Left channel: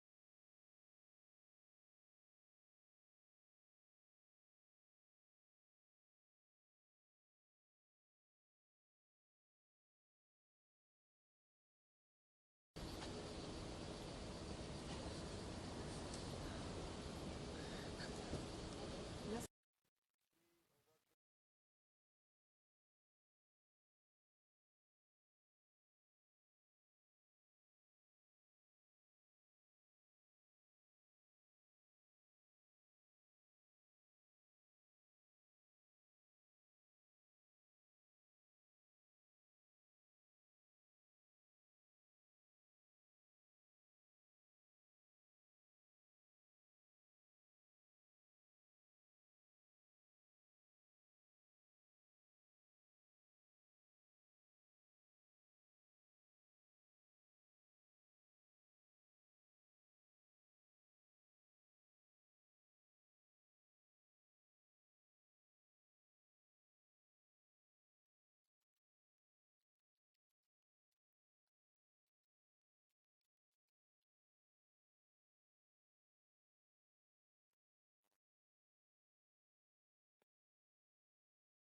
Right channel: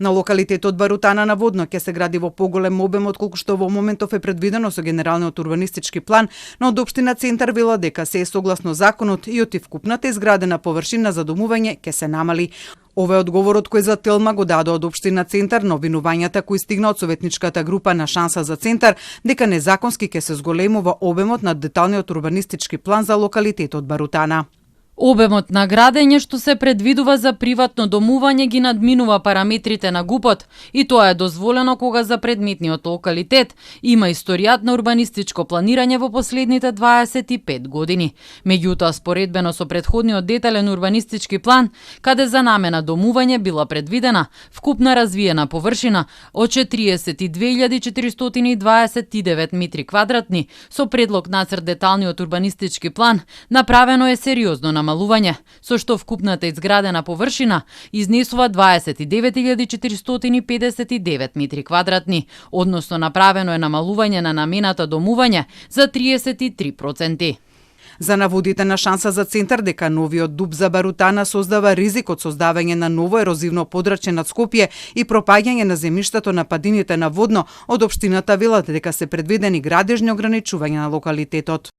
На локалитетот Барутана наводно ќе се гради во поголем обем отколку што во моментов е предвидено со генералниот урбанистички план, но од општина Центар вела дека се е согласно законот и од вкупната изградена површина за домување ќе се намали. Ова е одговорот кој за Телма го дадо од општина Центар на обвинувањата кои стигна од советничката група на Шанса за Центар дека незаконски ќе се зголемува обемот на деталниот урбанистички план за локалитетот Барутана. Обемот на градење што се предвидува за приватно домување ги надминува параметрите на ГУП-от и тоа е дозволено кога за предметниот локалитет има историјат на урбанистичко планирање во последните 25 години. Меѓутоа, споредбено со претходниот детален урбанистички план, каде за намена домување била предвидена вкупна развиена површина од 42.429 метри квадратни, со предлог нацрт деталниот урбанистички план направено е сериозно намалување, со што вкупната изградена површина изнесува 29.459 метри квадратни, односно направено е намалување на намената домување за 33%. За наводите на Шанса за Центар дека новиот ДУП за Барутана создава ризик од создавање на ново ерозивно подрачје над Скопје и пропаѓање на земјиштето на падините наводно, од општината велат дека се предвидени градежни ограничувања на локалитетот.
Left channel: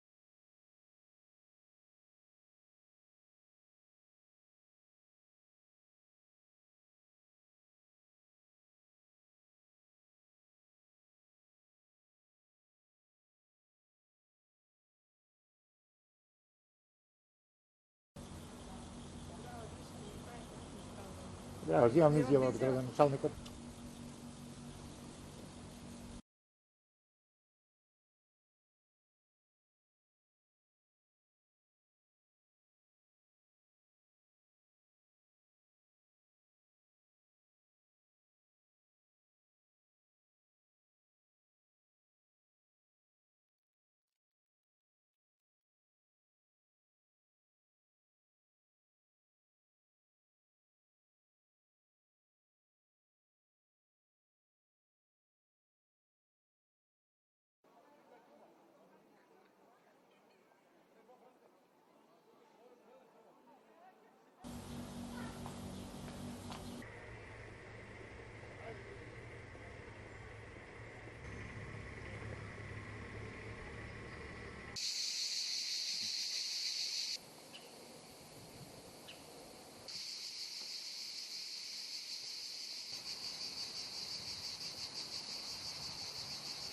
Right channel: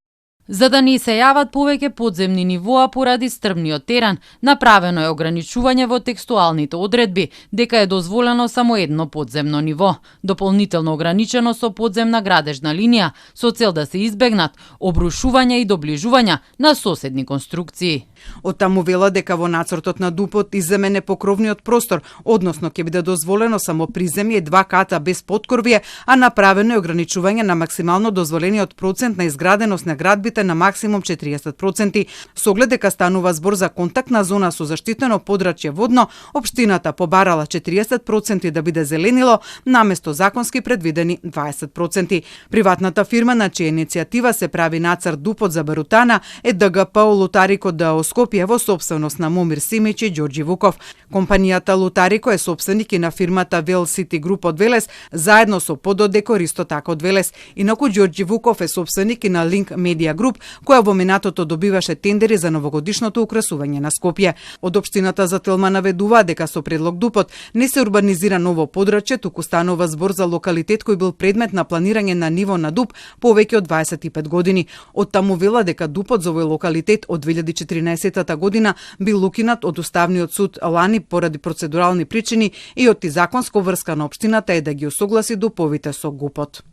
За да не се јават повеќе подземни нивоа поради стрмниот терен, направено е ограничување во текстуалните одредби дека е дозволено само едно подземно ниво, дополнително ограничено со подземна градежна линија, со цел да се избегнат обрушувања и доближувања на соседни конструкции. Од таму вела дека во нацртот на ДУП-от изземен е покровниот простор, односно ќе биде дозволено само приземје и 2 ката без поткорвие, а направено е ограничување на максимално дозволениот процент на изграденост на градбите на максимум 40%. Со оглед дека станува збор за контактна зона со заштитено подрачје водно, општината побарала 40% да биде зеленило, наместо законски предвидени 20%. Приватната фирма на чија иницијатива се прави нацрт ДУП-от за Барутана е ДГП Лотарико ДО Скопје во сопственост на Момир Симич и Ѓорѓи Вуков. Компанијата Лотарико е сопственик и на фирмата Вел Сити Груп од Велес, заедно со Пододекор исто така од Велес. Инаку Ѓорѓи Вуков е сопственик и на Линк Медија Груп, која во минатото добиваше тендери за новогодишното украсување на Скопје. Од општината за Телма наведува дека со предлог ДУП-от не се урбанизира ново подрачје, туку станува збор за локалитет кој бил предмет на планирање на ниво на ДУП повеќе од 25 години. Од таму вела дека ДУП-от за овој локалитет од 2014 година бил укинат од Уставниот суд лани поради процедурални причини и од законско врска на општината е да ги усогласи ДУП-овите со ГУП-от.